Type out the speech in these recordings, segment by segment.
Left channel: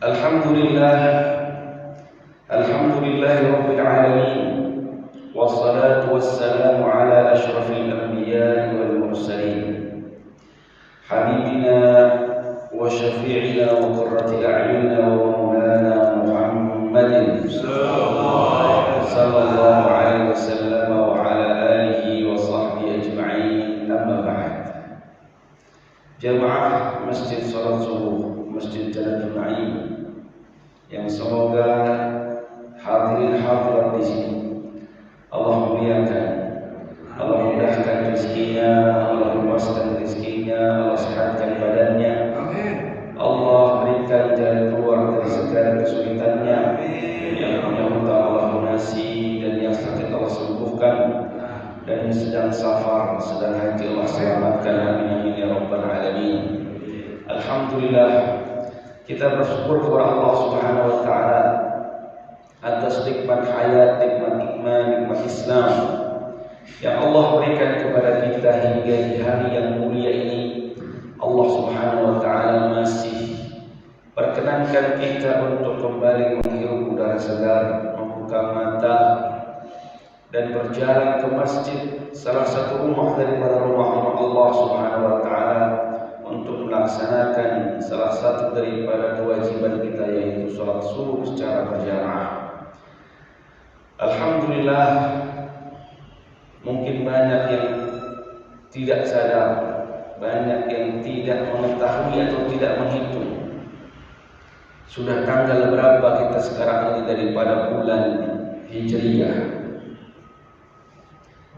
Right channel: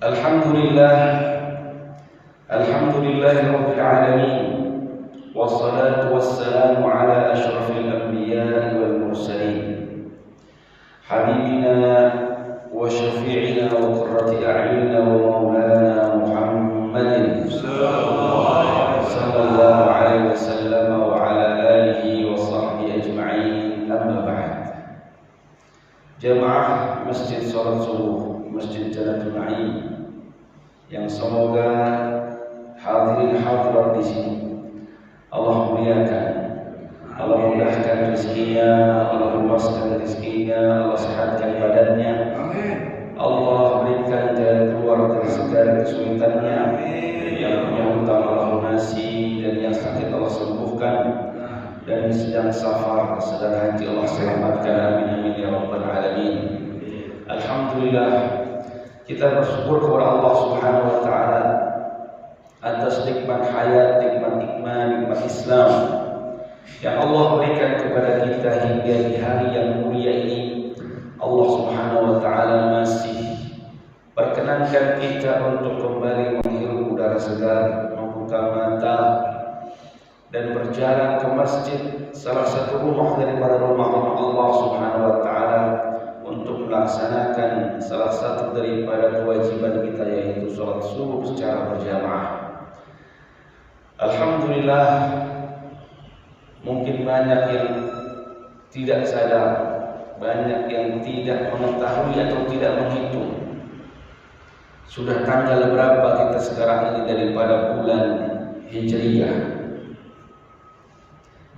Alhamdulillah, Rabbil alamin, wassalatu wassalamu ala asyrafil anbiya'i wal mursalin, habibina wa syafi'ina wa qurrati a'yunina wa maulana Muhammadin sallallahu alaihi wasallam wa ala alihi wa sahbihi ajma'in. Amma ba'd. Jamaah Masjid Salat Subuh, Masjid Jannatul Na'im, yang semoga hadirin hadirat di sini Allah muliakan, Allah mudahkan rezekinya, Allah luaskan rezekinya, Allah sehatkan badannya, Allah berikan jalan keluar dari segala kesulitannya. Yang punya hutang Allah lunasi, dan yang sakit Allah sembuhkan, dan yang sedang safar, sedang haji Allah selamatkan. Amin amin ya rabbal alamin. Alhamdulillah, kita bersyukur kepada Allah Subhanahu wa taala atas nikmat hayat, nikmat iman, nikmat Islam yang Allah berikan kepada kita hingga di hari yang mulia ini. Allah Subhanahu wa taala masih perkenankan kita untuk kembali menghirup udara segar, membuka mata dan berjalan ke masjid, salah satu rumah daripada rumah-rumah Allah Subhanahu wa taala, untuk melaksanakan salah satu daripada kewajiban kita, yaitu salat subuh secara berjamaah. Alhamdulillah, mungkin banyak yang tidak sadar, banyak yang tidak mengetahui atau tidak menghitung sudah tanggal berapa kita sekarang ini daripada bulan Hijriyah.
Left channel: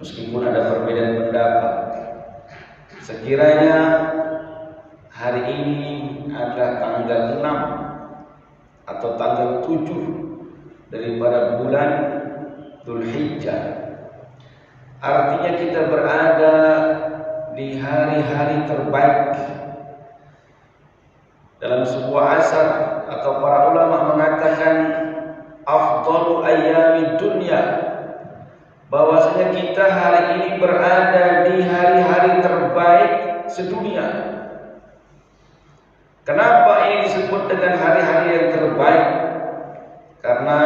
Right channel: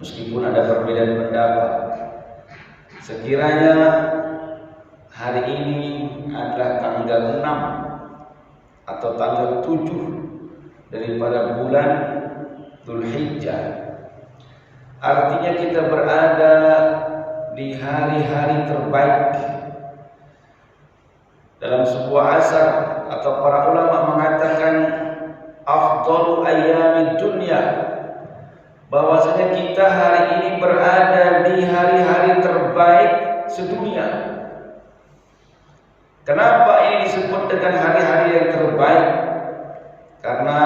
Meskipun ada perbedaan pendapat, sekiranya hari ini adalah tanggal 6 atau tanggal 7 daripada bulan Dzulhijjah, artinya kita berada di hari-hari terbaik. Dalam sebuah asar atau para ulama mengatakan afdalu ayyamid dunya, bahwasanya kita hari ini berada di hari-hari terbaik sedunia. Kenapa ini disebut dengan hari-hari yang terbaik? Karena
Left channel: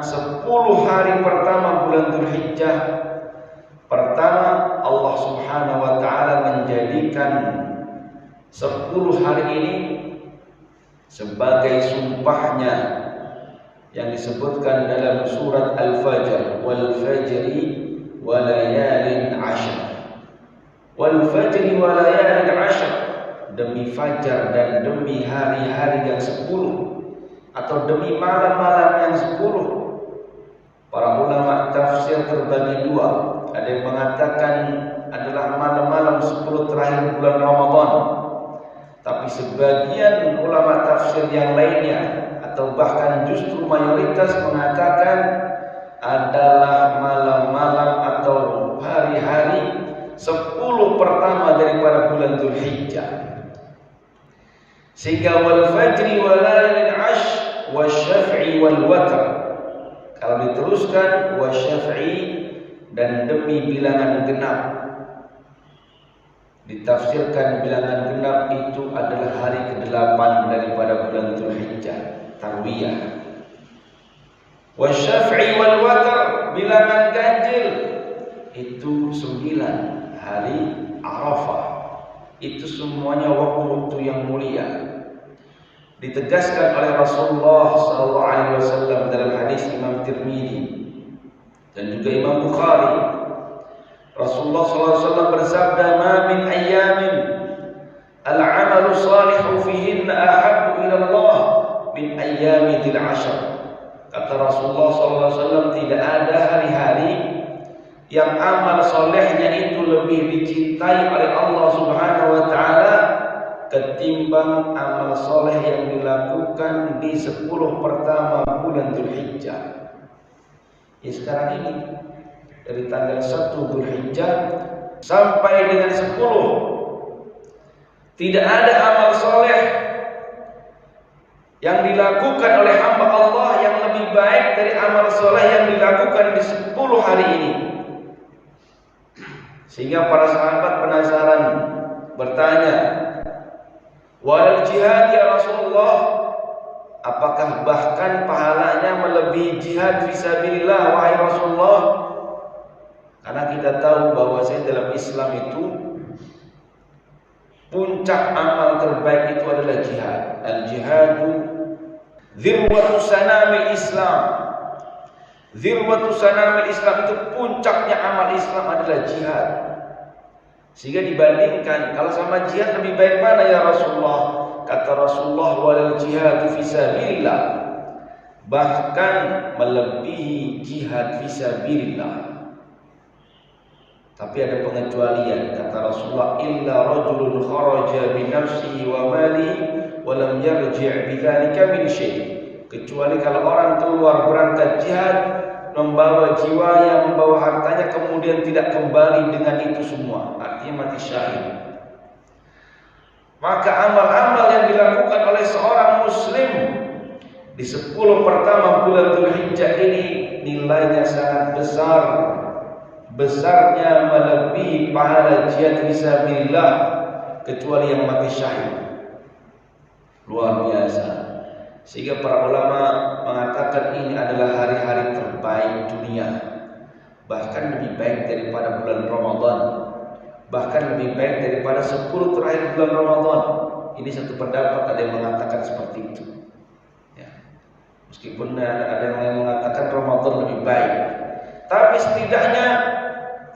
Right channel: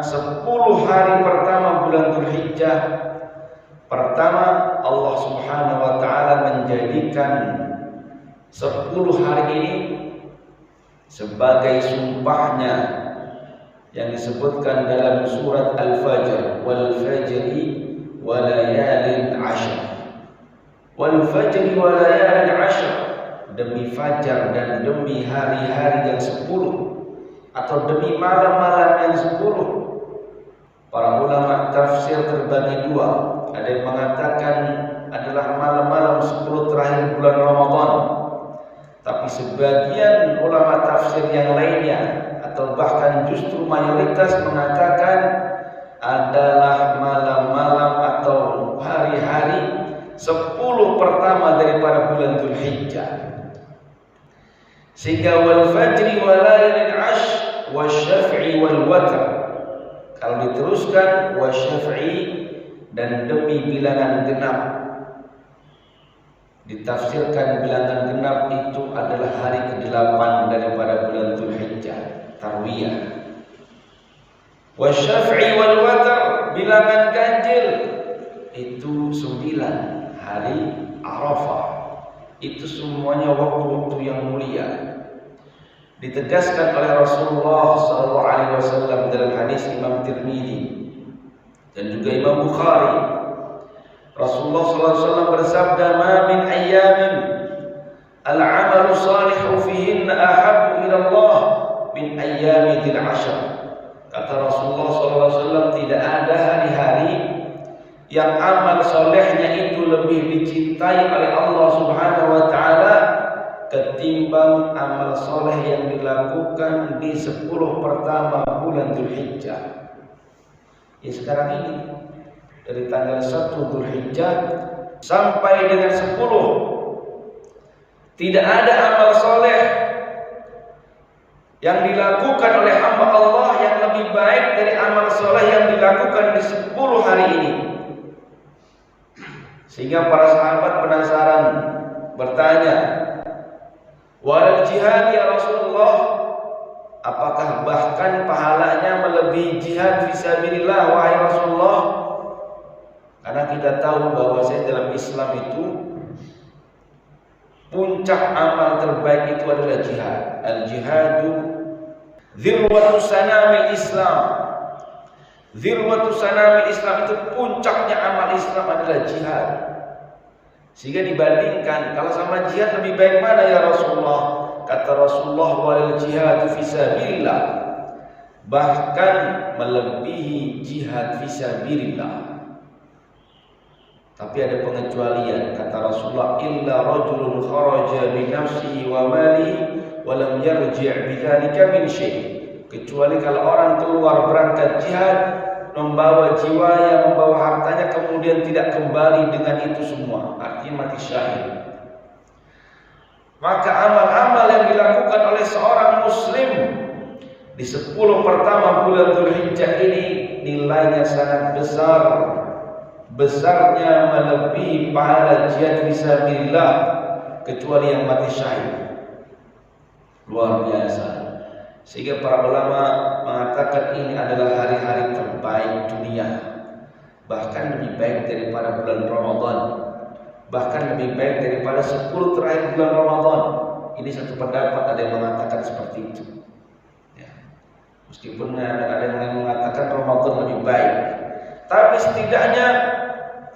10 hari pertama bulan Dzulhijjah, pertama Allah Subhanahu wa taala menjadikan 10 hari ini sebagai sumpahnya yang disebutkan dalam surat Al-Fajr, wal fajri wa layalin 'ashr. Wal fajri wa layalin 'ashr, demi fajar dan demi hari-hari yang 10, atau demi malam-malam yang 10. Para ulama tafsir terbagi dua. Ada yang mengatakan adalah malam-malam 10 terakhir bulan Ramadan, tapi sebagian ulama tafsir yang lainnya atau bahkan justru mayoritas mengatakan adalah malam-malam atau hari-hari 10 pertama daripada bulan Dzulhijjah. Sehingga wal fajri wa layalin 'ashr wasyaf'i wal watr, kalau diteruskan wasyaf'i, dan demi bilangan genap. Ditafsirkan bilangan genap itu adalah hari ke-8 daripada bulan Dzulhijjah, Tarwiyah. Wasyaf'i wal watr, bilangan ganjil, itu 9 hari Arafah. Itu semuanya waktu-waktu yang mulia. Ditegaskan oleh Rasulullah SAW dalam hadis Imam Tirmidzi dan juga Imam Bukhari. Rasulullah SAW bersabda, "Ma min ayyamin al-'amalu salihu fihinna ahabbu ila Allah min ayyami dzil 'ashr." Kata Rasulullah SAW, tidak ada hari-hari yang amal solehnya itu lebih dicintai oleh Allah Subhanahu wa taala ketimbang amal soleh yang dilakukan di 10 pertama bulan Dzulhijjah. Ya sekarang ini, dari tanggal 1 Dzulhijjah sampai dengan 10, tidak ada amal soleh yang dilakukan oleh hamba Allah yang lebih baik dari amal soleh yang dilakukan di 10 hari ini. Sehingga para sahabat penasaran, bertanya, "Wal jihad ya Rasulullah?" Apakah bahkan pahalanya melebihi jihad fisabilillah wahai Rasulullah? Karena kita tahu bahwasanya dalam Islam itu puncak amal terbaik itu adalah jihad. Al-jihadu dzirwatu sanamil Islam. Dzirwatu sanamil Islam itu puncaknya amal Islam adalah jihad. Sehingga dibandingkan kalau sama jihad lebih baik mana ya Rasulullah? Kata Rasulullah, walal jihadu fisabilillah, bahkan melebihi jihad fisabilillah. Tapi ada pengecualian, kata Rasulullah, illa rajulun kharaja bi nafsihi wa malihi wa lam yarji' bidzalika min syai'. Kecuali kalau orang keluar berangkat jihad, membawa jiwanya, membawa hartanya, kemudian tidak kembali dengan itu semua, artinya mati syahid. Maka amal-amal yang dilakukan oleh seorang muslim di 10 pertama bulan Dzulhijjah ini nilainya sangat besar. Besarnya melebihi pahala jihad fisabilillah kecuali yang mati syahid. Luar biasa. Sehingga para ulama mengatakan ini adalah hari-hari terbaik dunia. Bahkan lebih baik daripada bulan Ramadan. Bahkan lebih baik daripada 10 terakhir bulan Ramadan. Ini satu pendapat, ada yang mengatakan seperti itu ya. Meskipun ada yang mengatakan Ramadan lebih baik, tapi setidaknya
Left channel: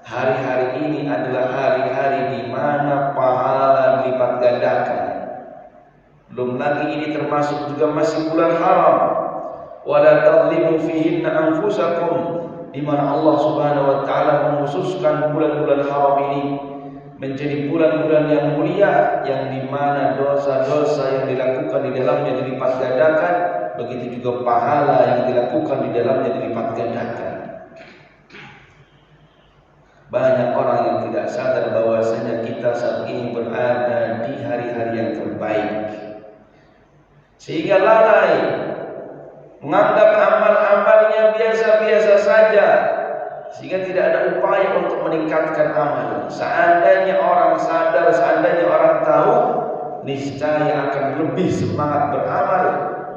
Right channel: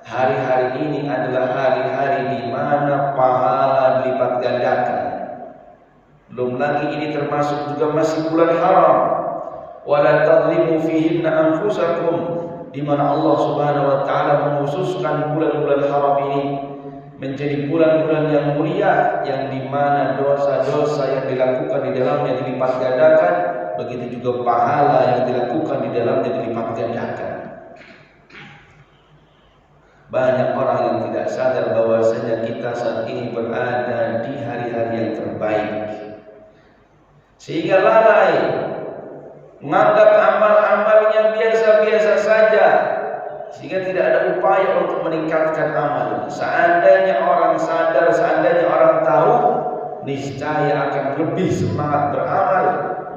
hari-hari ini adalah hari-hari di mana pahala dilipat gandakan. Belum lagi ini termasuk juga masih bulan haram. Wala tadlimu fihinna anfusakum, di mana Allah Subhanahu wa taala mengkhususkan bulan-bulan haram ini menjadi bulan-bulan yang mulia, yang dimana dosa-dosa yang dilakukan di dalamnya dilipat gandakan, begitu juga pahala yang dilakukan di dalamnya dilipat gandakan. Banyak orang yang tidak sadar bahwasanya kita saat ini berada di hari-hari yang terbaik, sehingga lalai menganggap amal-amalnya biasa-biasa saja, sehingga tidak ada upaya untuk meningkatkan amal. Seandainya orang sadar, seandainya orang tahu, niscaya akan lebih semangat beramal,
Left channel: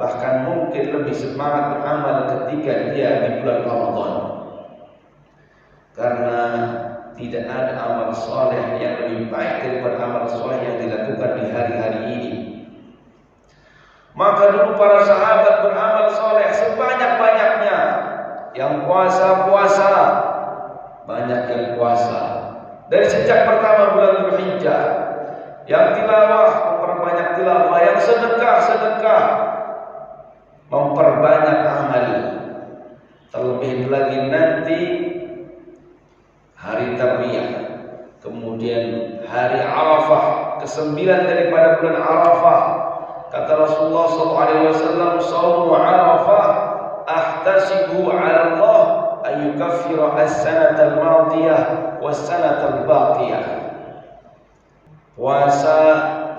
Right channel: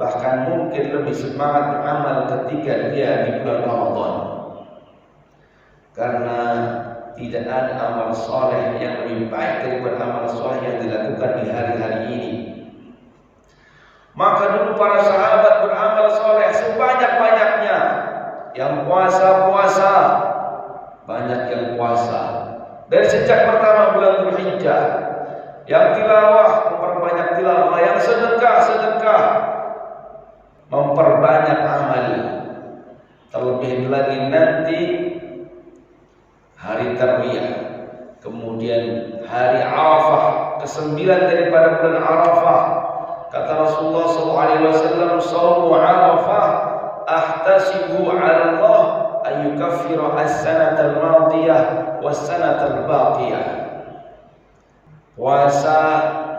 bahkan mungkin lebih semangat beramal ketika dia di bulan Ramadan. Karena tidak ada amal soleh yang lebih baik daripada amal soleh yang dilakukan di hari-hari ini. Maka dulu para sahabat beramal soleh sebanyak-banyaknya. Yang puasa, banyak yang puasa. Dari sejak pertama bulan Dzulhijjah. Yang tilawah, memperbanyak tilawah. Yang sedekah, memperbanyak amal. Terlebih lagi nanti hari Tarwiyah, kemudian hari Arafah, ke-9 daripada bulan Arafah. Kata Rasulullah SAW, "Shaumu Arafah ahtasibu 'ala Allah ayyukaffira as-sanata al-madiyah was-sanata al-baqiyah." Puasa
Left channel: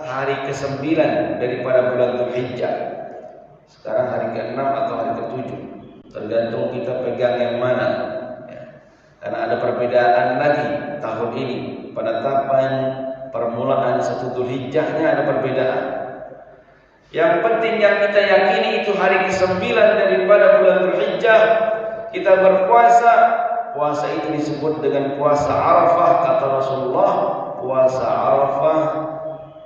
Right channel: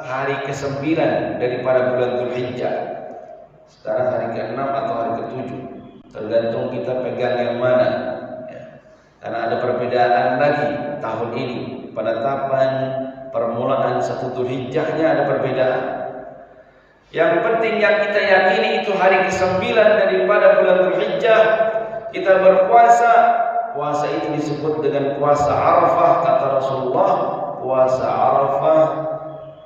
hari ke-9 daripada bulan Dzulhijjah. Sekarang hari ke-6 atau hari ke-7, tergantung kita pegang yang mana ya. Karena ada perbedaan lagi tahun ini, penetapan permulaan 1 Dzulhijjahnya ada perbedaan. Yang penting yang kita yakini itu hari ke-9 daripada bulan Dzulhijjah kita berpuasa. Puasa itu disebut dengan puasa Arafah. Kata Rasulullah, puasa Arafah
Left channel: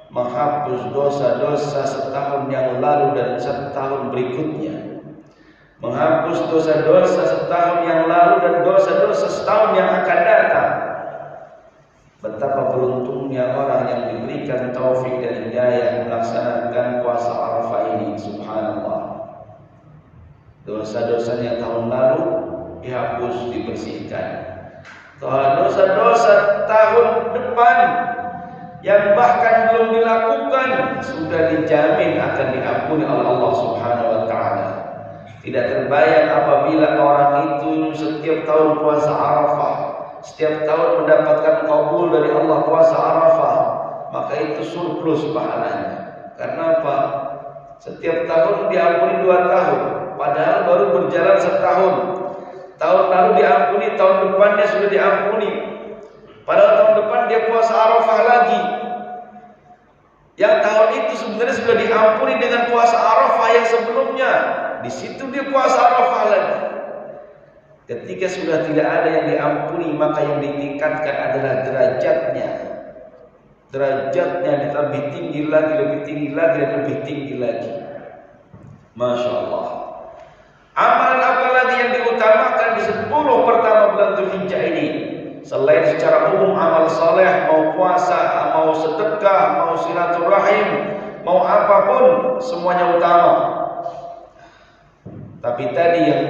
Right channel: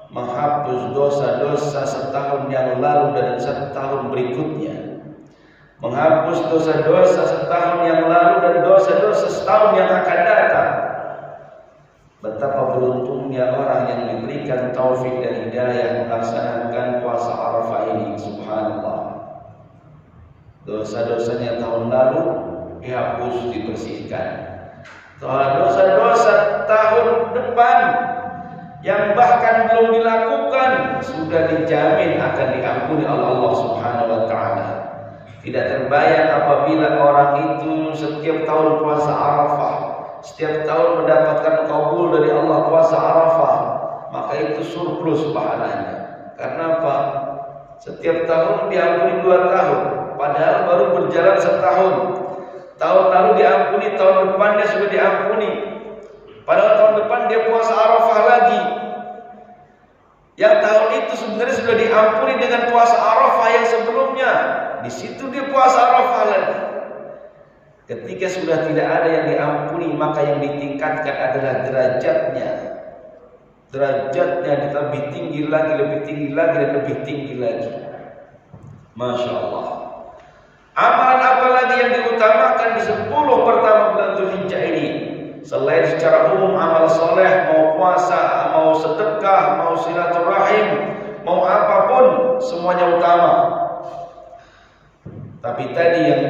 menghapus dosa-dosa setahun yang lalu dan setahun berikutnya. Menghapus dosa-dosa setahun yang lalu dan dosa-dosa setahun yang akan datang. Betapa beruntungnya orang yang diberikan taufik dan hidayah melaksanakan puasa Arafah ini. Subhanallah. Dosa-dosanya tahun lalu dihapus, dibersihkan. Dosa-dosa tahun depan yang bahkan belum dilakukan sudah dijamin akan diampuni oleh Allah Subhanahu wa taala. Tidak terbayang apabila orang itu setiap tahun puasa Arafah, setiap tahun mendapatkan kabul dari Allah puasa Arafah, maka itu surplus pahalanya. Karena apa? Setiap tahun diampuni 2 tahun, padahal baru berjalan setahun. Tahun lalu diampuni, tahun depannya sudah diampuni. Padahal tahun depan dia puasa Arafah lagi. Yang tahun itu sebenarnya sudah diampuni dengan puasa Arafah yang sebelumnya. Di situ dia puasa Arafah lagi. Ketika sudah tidak ada yang diampuni, maka yang ditingkatkan adalah derajatnya. Derajatnya lebih tinggi lagi, lebih tinggi lagi, dan lebih tinggi lagi. Masya Allah. Amalan apa lagi yang diutamakan di 10 pertama bulan Dzulhijjah ini? Selain secara umum amal soleh, mau puasa, mau sedekah, mau silaturahim, mau apapun, semuanya utama. Tapi tadi yang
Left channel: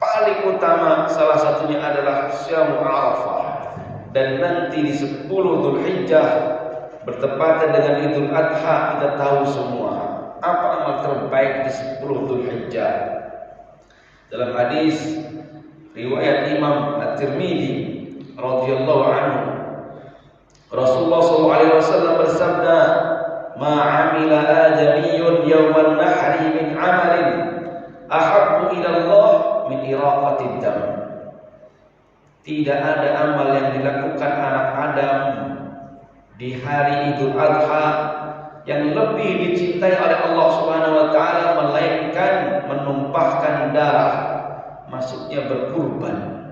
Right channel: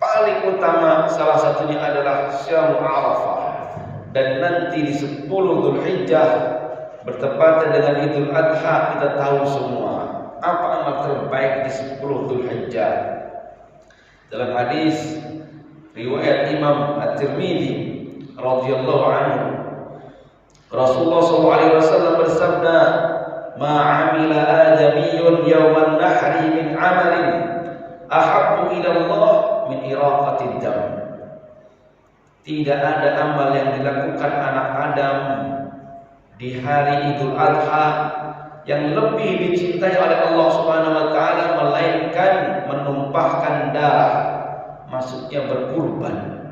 paling utama salah satunya adalah Syam Arafah. Dan nanti di 10 Dzulhijjah bertepatan dengan Idul Adha, kita tahu semua apa amal terbaik di 10 Dzulhijjah. Dalam hadis riwayat Imam At-Tirmidzi radhiyallahu anhu, Rasulullah SAW bersabda, "Ma 'amila adamiyyun yawman nahri min 'amalin ahabbu ila Allah min iraqatid dam." Tidak ada amal yang dilakukan anak Adam di hari Idul Adha yang lebih dicintai oleh Allah Subhanahu wa taala melainkan menumpahkan darah, maksudnya berkurban.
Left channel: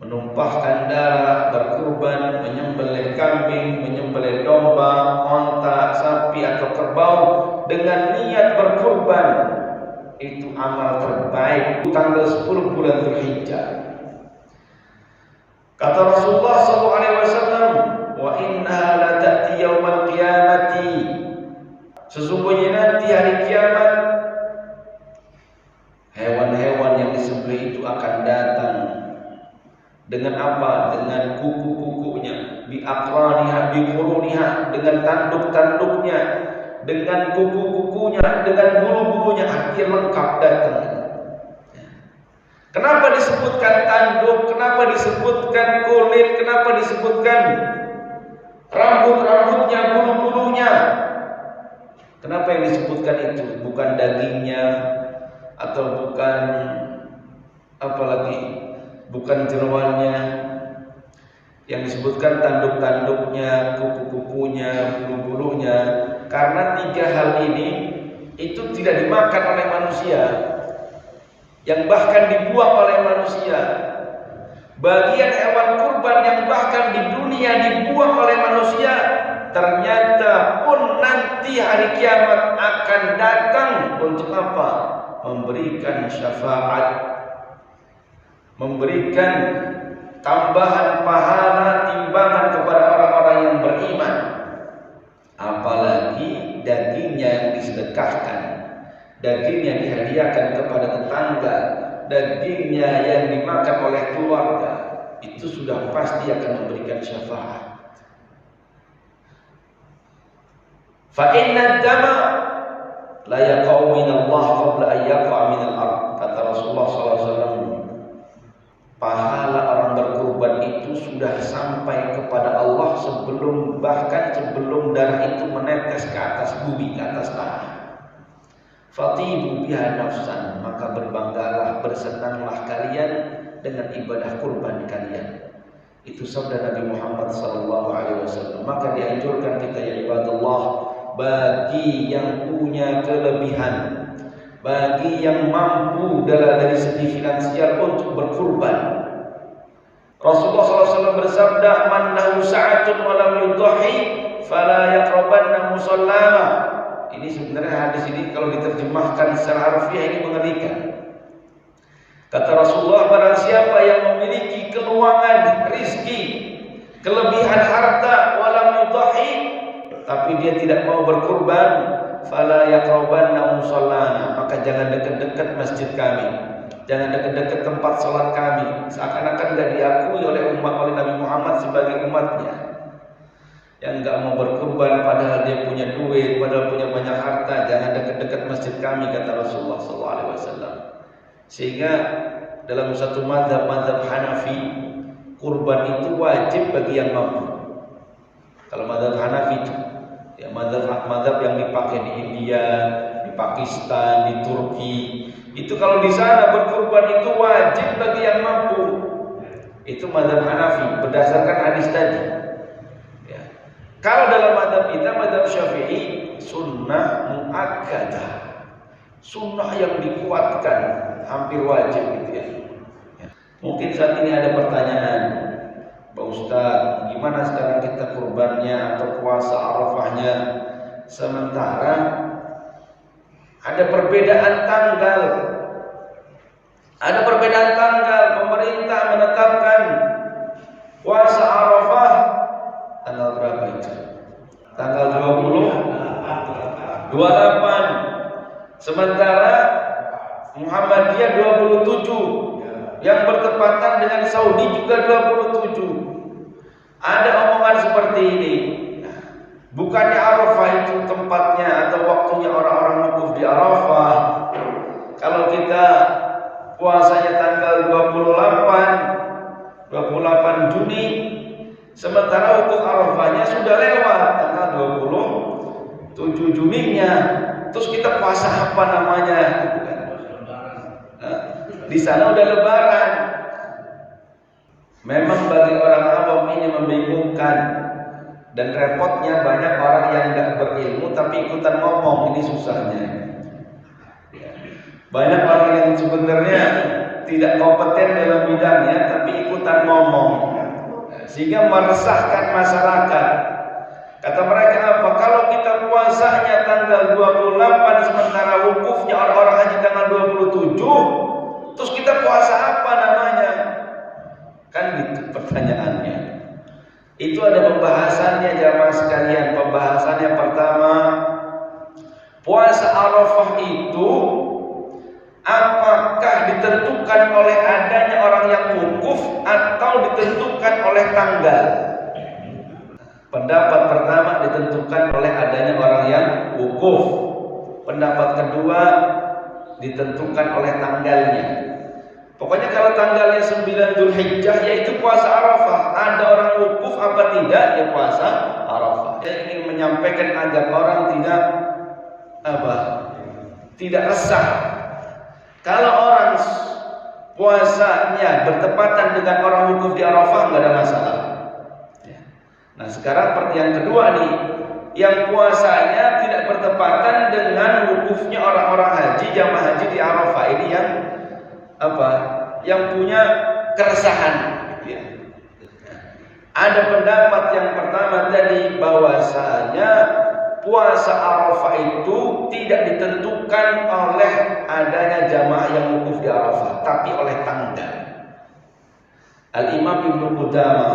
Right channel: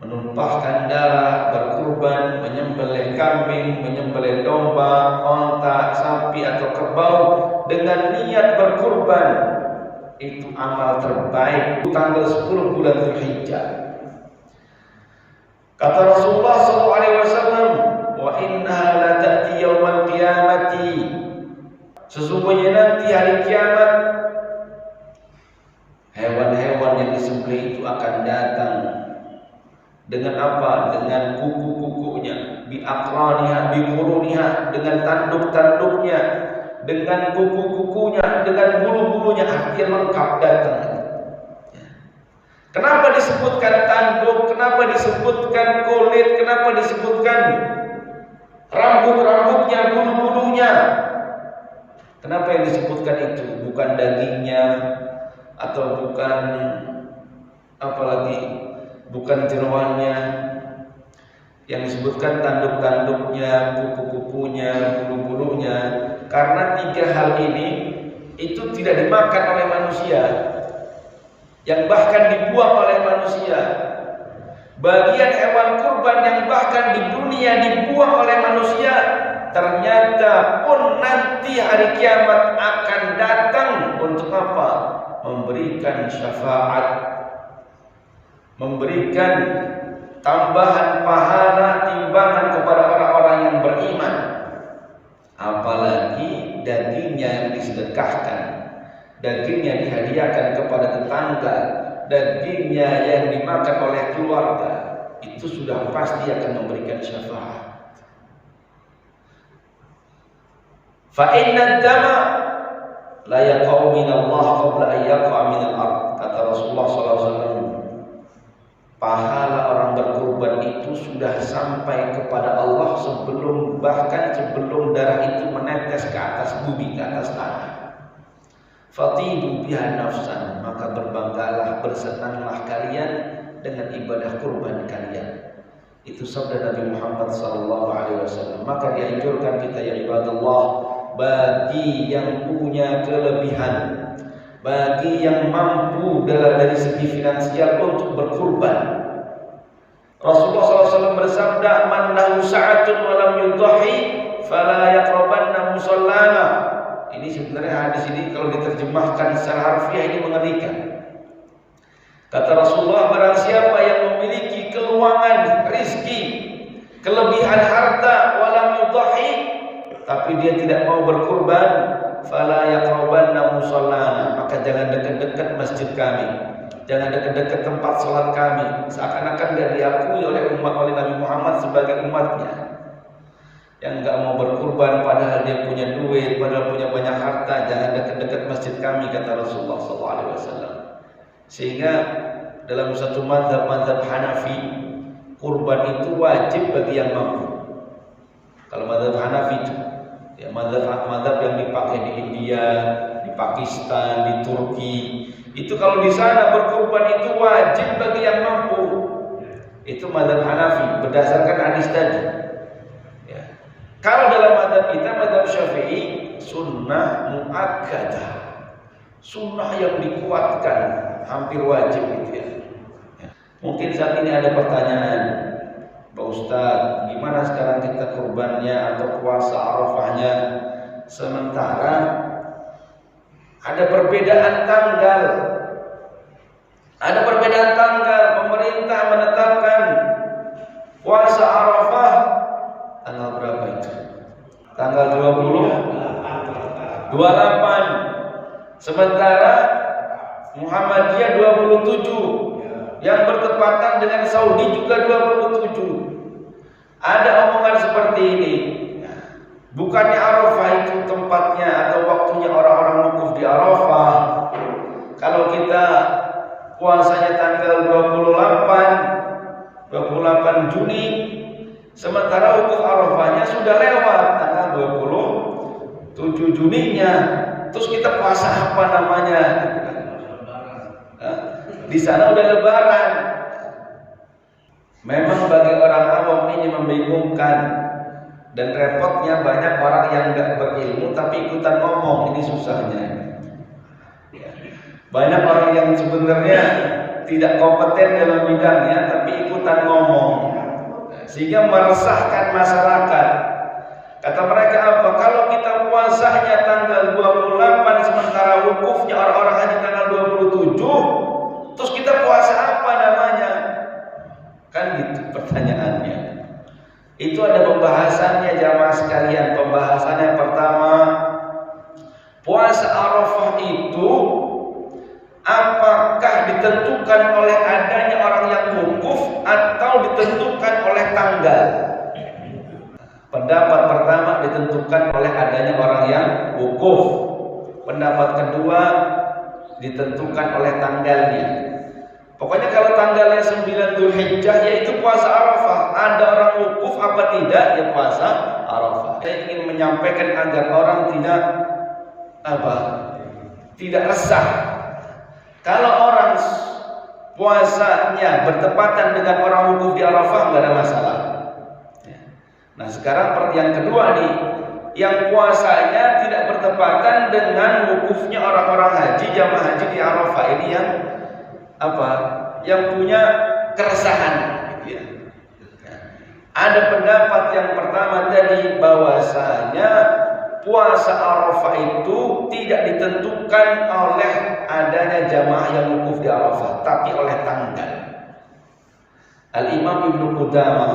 Menumpahkan darah, berkurban, menyembelih kambing, menyembelih domba, onta, sapi atau kerbau dengan niat berkurban. Itu amal terbaik tanggal 10 bulan Dzulhijjah. Kata Rasulullah SAW, "Wa innaha la ta'ti yaumal qiyamati." Sesungguhnya nanti hari kiamat hewan-hewan yang disembelih itu akan datang dengan apa? Dengan kuku-kukunya, bi aqraniha, bi quruniha, dengan tanduk-tanduknya, dengan kuku-kukunya, dengan bulu-bulunya, artinya lengkap datang. Kenapa disebutkan tanduk? Kenapa disebutkan kulit? Kenapa disebutkan rambut-rambutnya, bulu-bulunya? Kenapa yang disebutkan itu? Bukan dagingnya, atau bukan apa lagi? Bukan jeroannya. Yang disebutkan tanduk-tanduknya, kuku-kukunya, bulu-bulunya. Karena 3 hal ini itu tidak dimakan oleh manusia, yang bahkan dibuang oleh manusia. Bagian hewan kurban yang bahkan di dunia dibuang oleh manusia, ternyata pun nanti hari kiamat akan datang untuk apa? Memberikan syafaat, memberikan tambahan pahala timbangan kepada orang-orang yang beriman. Apalagi dagingnya yang disedekahkan, dagingnya dihadiahkan kepada tetangga, dagingnya yang dimakan oleh keluarga, itu sudah pasti akan memberikan syafaat. Fa inna dama la yaqau min Allah qabla an yaqa min al-ard. Kata Rasulullah SAW, pahala orang berkurban itu sudah sampai kepada Allah bahkan sebelum darah itu menetes ke atas bumi, ke atas tanah. Fatibu biha nafsan, maka berbanggalah, bersenanglah kalian dengan ibadah kurban kalian. Itu sabda Nabi Muhammad SAW. Maka dianjurkan kita ya ibadallah, bagi yang punya kelebihan, bagi yang mampu dari segi finansial untuk berkurban. Rasulullah SAW bersabda, "Man lahu sa'atun wa lam yudhi fala yaqrabanna musallana." Ini sebenarnya hadis ini kalau diterjemahkan secara harfiah ini mengerikan. Kata Rasulullah, barang siapa yang memiliki keluangan rizki, kelebihan harta, walam yudhi, tapi dia tidak mau berkurban, fala yaqrabanna musallana, maka jangan dekat-dekat masjid kami, jangan dekat-dekat tempat salat kami, seakan-akan tidak diakui oleh Nabi Muhammad sebagai umatnya. Yang enggak mau berkurban padahal dia punya duit, padahal punya banyak harta, jangan dekat-dekat masjid kami, kata Rasulullah SAW. Sehingga dalam satu mazhab Hanafi, kurban itu wajib bagi yang mampu. Kalau mazhab Hanafi itu, ya mazhab yang dipakai di India, di Pakistan, di Turki, itu kalau di sana berkurban itu wajib bagi yang mampu. Itu mazhab Hanafi berdasarkan hadis tadi. Kalau dalam mazhab kita, mazhab Syafi'i, sunnah muakkadah, sunnah yang dikuatkan, hampir wajib gitu ya. Mungkin saat ini ada pertanyaan, Pak Ustadz, gimana sekarang kita kurbannya atau puasa Arafahnya, sementara ada perbedaan tanggal. Ada perbedaan tanggal, pemerintah menetapkan puasa Arafah tanggal berapa itu? Tanggal 28. Sementara Muhammadiyah 27, yang bertepatan dengan Saudi juga 27. Ada omongan seperti ini. Bukannya Arafah itu tempatnya atau waktunya orang-orang wukuf di Arafah. Kalau kita puasanya tanggal 28 Juni, sementara wukuf Arafahnya sudah lewat tanggal 27 Juninya. Terus kita puasa apa namanya? Di sana udah Lebaran. Memang bagi orang awam ini membingungkan, dan repotnya banyak orang yang nggak berilmu tapi ikutan ngomong. Ini susahnya. Banyak orang yang sebenarnya tidak kompeten dalam bidangnya tapi ikutan ngomong, sehingga meresahkan masyarakat. Kata mereka apa? Kalau kita puasanya tanggal 28 sementara wukufnya orang-orang haji tanggal 27, terus kita puasa apa namanya? Kan gitu pertanyaannya. Itu ada pembahasannya jamaah sekalian. Pembahasannya pertama, puasa Arafah itu apakah ditentukan oleh adanya orang yang wukuf atau ditentukan oleh tanggal? Pendapat pertama ditentukan oleh adanya orang yang wukuf. Pendapat kedua ditentukan oleh tanggalnya. Pokoknya kalau tanggalnya 9 Dzulhijjah yaitu puasa Arafah. Ada orang wukuf apa tidak, ya puasa Arafah. Saya ingin menyampaikan agar orang tidak resah. Kalau orang puasanya bertepatan dengan orang wukuf di Arafah, nggak ada masalah. Nah sekarang yang kedua nih, yang puasanya tidak bertepatan dengan wukufnya orang-orang haji, jamaah haji di Arafah. Ini yang yang punya keresahan gitu ya. Ada pendapat yang pertama tadi bahwasanya puasa Arafah itu tidak ditentukan oleh adanya jamaah yang wukuf di Arafah, tapi oleh tanggal. Al-Imam Ibnu Qudamah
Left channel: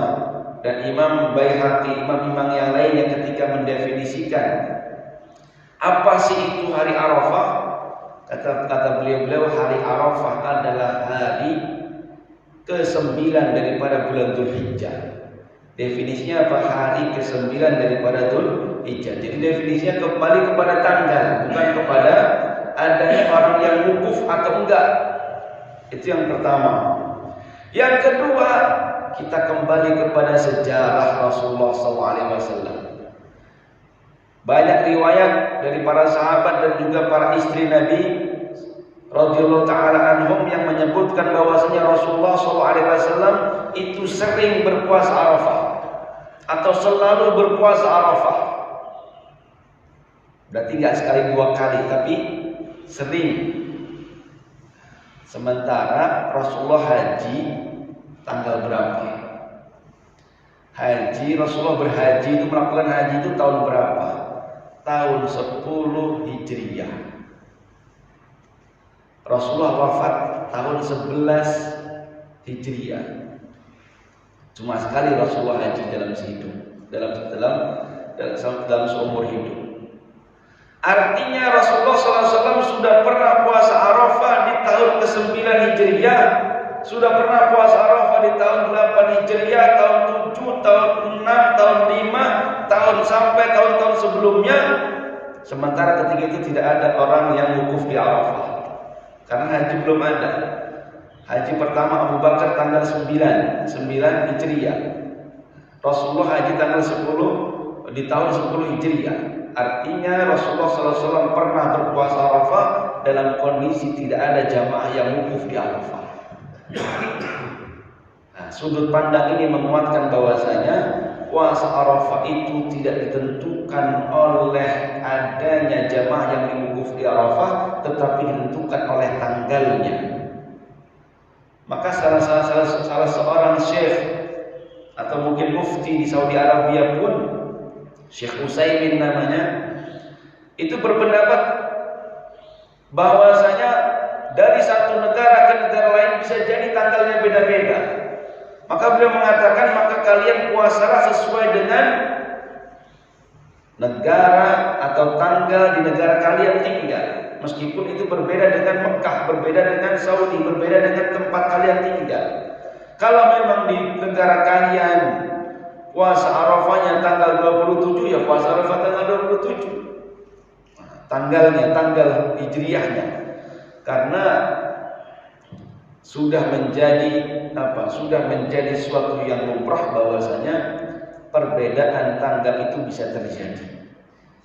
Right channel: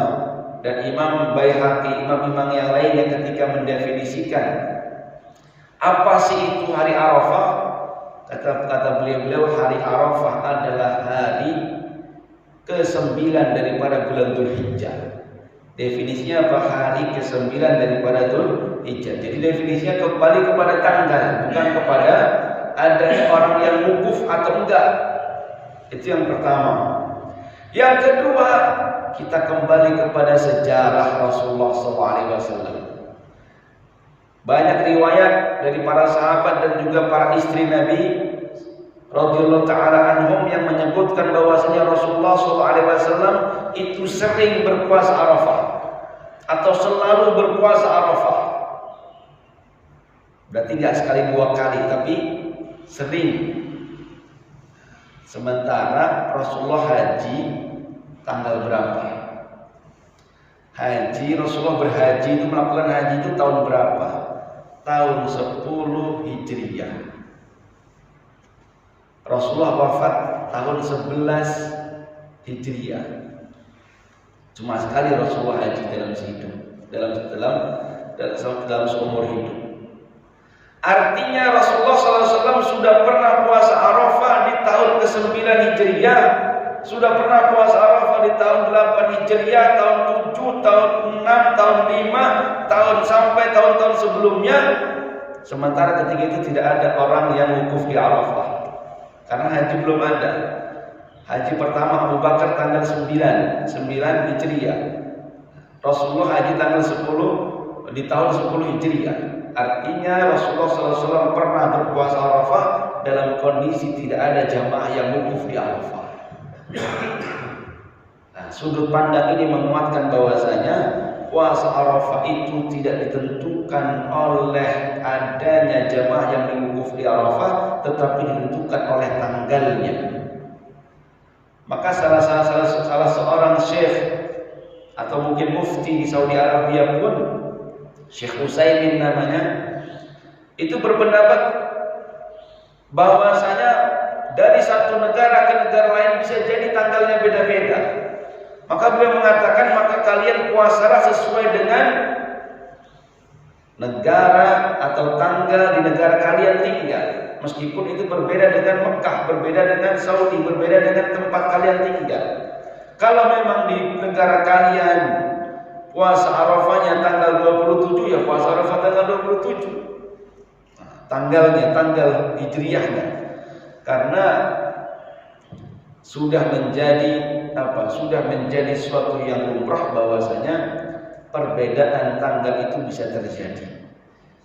dan Imam Baihaqi, imam-imam yang lainnya ketika mendefinisikan apa sih itu hari Arafah, kata beliau hari Arafah adalah hari ke-9 daripada bulan Dzulhijjah. Definisinya apa? Hari ke-9 daripada Dzulhijjah. Jadi definisinya kembali kepada tanggal, bukan kepada adanya orang yang wukuf atau enggak. Itu yang pertama. Yang kedua, kita kembali kepada sejarah Rasulullah SAW. Banyak riwayat dari para sahabat dan juga para istri Nabi radhiyallahu taala anhum yang menyebutkan bahwasanya Rasulullah SAW itu sering berpuasa Arafah atau selalu berpuasa Arafah. Berarti nggak sekali dua kali, tapi sering. Sementara Rasulullah haji tanggal berapa? Rasulullah berhaji itu, melakukan haji itu tahun berapa? Tahun 10 Hijriyah. Rasulullah wafat tahun 11 Hijriyah. Cuma sekali Rasulullah haji dalam sehidup, dalam seumur hidup. Artinya Rasulullah SAW sudah pernah puasa Arafah di tahun ke-9 Hijriyah, sudah pernah puasa Arafah di tahun 8 Hijriyah, tahun 7, tahun 6, tahun 5, tahun sampai tahun-tahun sebelumnya. Sementara ketika itu tidak ada orang yang wukuf di Arafah, karena haji belum ada. Haji pertama Abu Bakar tanggal 9 Hijriyah. Rasulullah haji tanggal 10 di tahun 10 Hijriyah. Artinya Rasulullah SAW pernah berpuasa Arafah dalam kondisi tidak ada jamaah yang wukuf di Arafah. Nah, sudut pandang ini menguatkan bahwasanya puasa Arafah itu tidak ditentukan oleh adanya jamaah yang mewukuf di Arafah, tetapi ditentukan oleh tanggalnya. Maka salah seorang syekh atau mungkin mufti di Saudi Arabia pun, Syekh Utsaimin namanya, itu berpendapat bahwasanya dari satu negara ke negara lain bisa jadi tanggalnya beda-beda. Maka beliau mengatakan, maka kalian puasalah sesuai dengan negara atau tanggal di negara kalian tinggal. Meskipun itu berbeda dengan Mekah, berbeda dengan Saudi, berbeda dengan tempat kalian tinggal. Kalau memang di negara kalian puasa Arafahnya tanggal 27, ya puasa Arafah tanggal 27. Tanggalnya, tanggal hijriyahnya. Karena sudah menjadi suatu yang lumrah bahwasanya perbedaan tanggal itu bisa terjadi.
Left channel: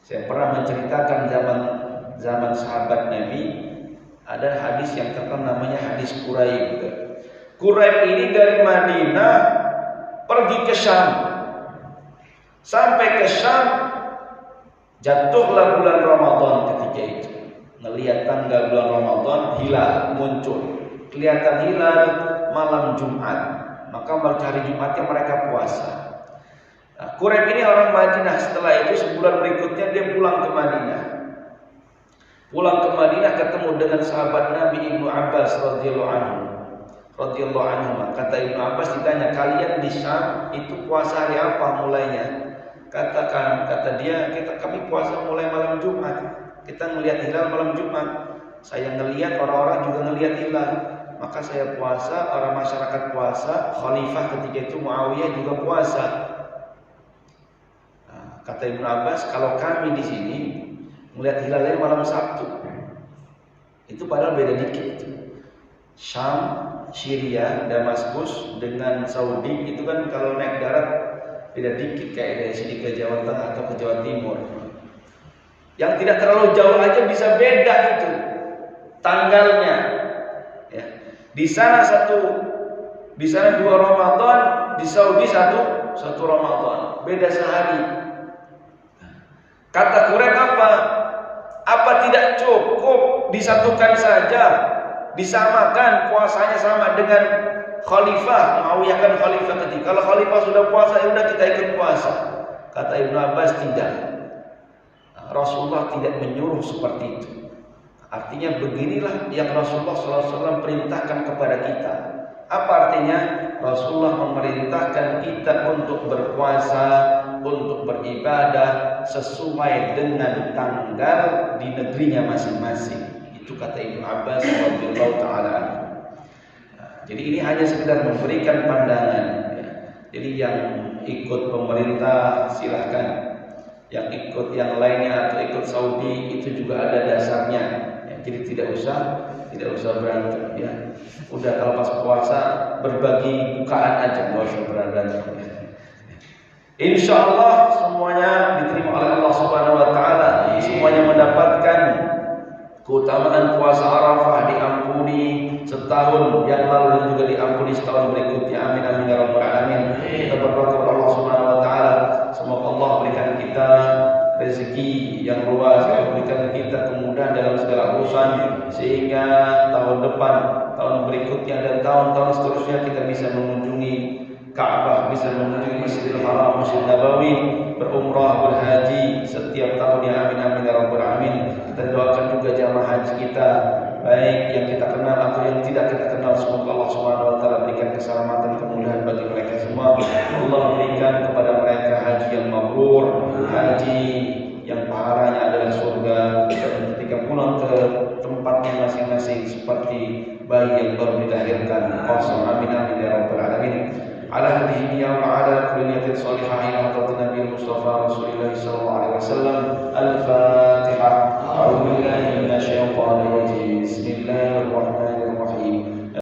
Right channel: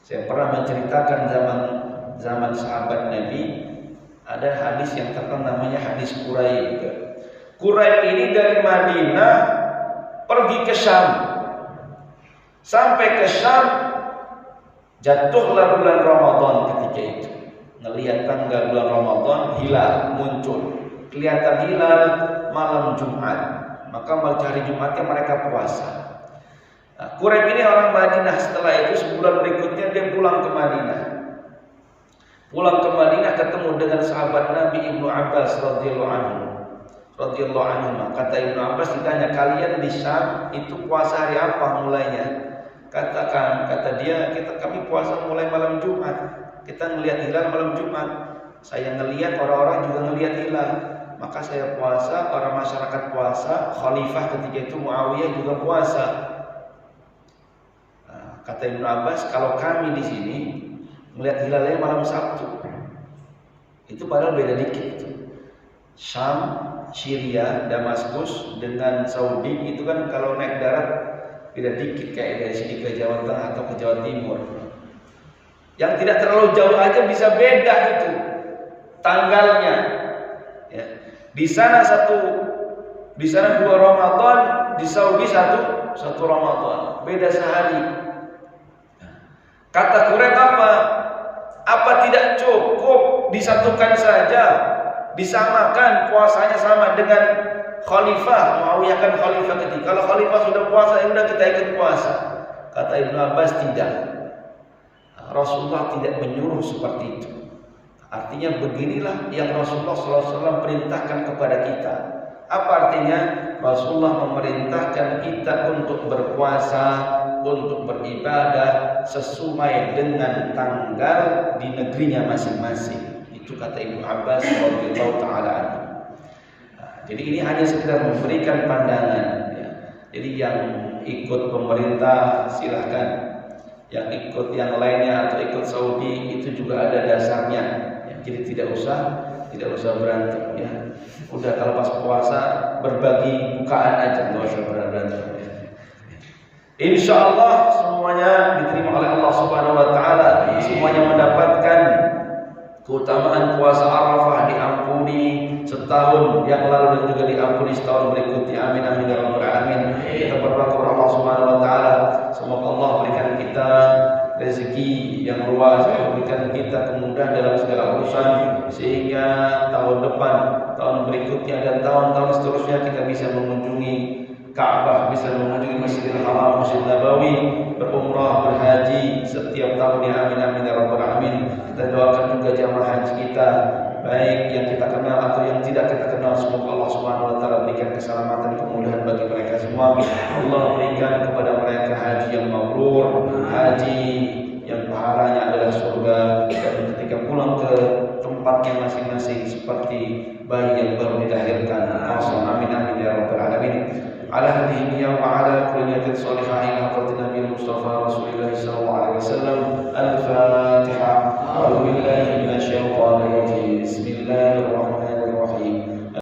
Saya pernah menceritakan zaman sahabat Nabi, ada hadis yang terkenal namanya hadis Quraib. Quraib ini dari Madinah pergi ke Syam. Sampai ke Syam, jatuhlah bulan Ramadan ketika itu. Ngelihat tanggal bulan Ramadan, hilal muncul. Kelihatan hilal malam Jumat. Maka hari Jumatnya mereka puasa. Nah, Quraib ini orang Madinah. Setelah itu sebulan berikutnya dia pulang ke Madinah. Pulang ke Madinah ketemu dengan sahabat Nabi Ibnu Abbas radhiyallahu anhu. Kata Ibnu Abbas, ditanya, kalian di Syam itu puasa hari apa mulainya? Kata dia, kami puasa mulai malam Jumat. Kita ngelihat hilal malam Jumat. Saya ngelihat, orang-orang juga ngelihat hilal. Maka saya puasa, orang masyarakat puasa, khalifah ketika itu Muawiyah juga puasa. Nah, kata Ibnu Abbas, kalau kami di sini melihat hilalnya malam Sabtu, itu padahal beda dikit. Syam, Syria, Damaskus dengan Saudi itu kan kalau naik darat beda dikit, kayak dari sini ke Jawa Tengah atau ke Jawa Timur. Yang tidak terlalu jauh aja bisa beda itu tanggalnya. Ya. Di sana 2 Ramadan, di Saudi satu Ramadan, beda sehari. Kata Quraib apa tidak cukup disatukan saja, disamakan puasanya sama dengan khalifah? Muawiyah kan khalifah ketika. Kalau khalifah sudah puasa, ya udah kita ikut puasa. Kata Ibnu Abbas, tidak. Rasulullah tidak menyuruh seperti itu. Artinya beginilah yang Rasulullah SAW perintahkan kepada kita. Apa artinya? Rasulullah memerintahkan kita untuk berpuasa, untuk beribadah sesuai dengan tanggal di negerinya masing-masing. Itu kata Ibnu Abbas radhiyallahu taala. Jadi ini hanya sekedar memberikan pandangan. Ya. Jadi yang ikut pemerintah silahkan, yang ikut yang lainnya atau ikut Saudi itu juga ada dasarnya. Ya. Jadi tidak usah berantem. Ya. Udah kalau pas puasa berbagi bukaan aja, nggak usah berantem. Ya. Insya Allah semuanya diterima oleh Allah Subhanahu Wa Taala. Semuanya mendapatkan keutamaan puasa Arafah, diampuni setahun yang lalu dan juga diampuni setahun berikutnya. Amin amin ya rabbal alamin. Kita berdoa kepada Allah Subhanahu Wa Taala, semoga Allah berikan kita rezeki yang luas, memberikan kita kemudahan dalam segala urusan, sehingga tahun depan, tahun berikutnya dan tahun-tahun seterusnya kita bisa mengunjungi Ka'bah, bisa mengunjungi Masjidil Haram, Masjid Nabawi, berumrah, berhaji setiap tahunnya. Amin amin ya rabbal alamin. Kita doakan juga jamaah haji kita, baik yang kita kenal atau yang tidak kita kenal. Semoga Allah Subhanahu Wa Taala berikan keselamatan, kemudahan bagi mereka semua. Allah berikan kepada mereka haji yang mabrur, haji yang pahalanya adalah surga, dan ketika pulang ke tempatnya masing-masing seperti bayi yang baru dilahirkan. Amin amin ya rabbal alamin. على هذه النية وعلى كل نية صالحة إلى حضرة النبي المصطفى رسول الله صلى الله عليه وسلم. الفاتحة. أعوذ بالله من الشيطان الرجيم. بسم الله الرحمن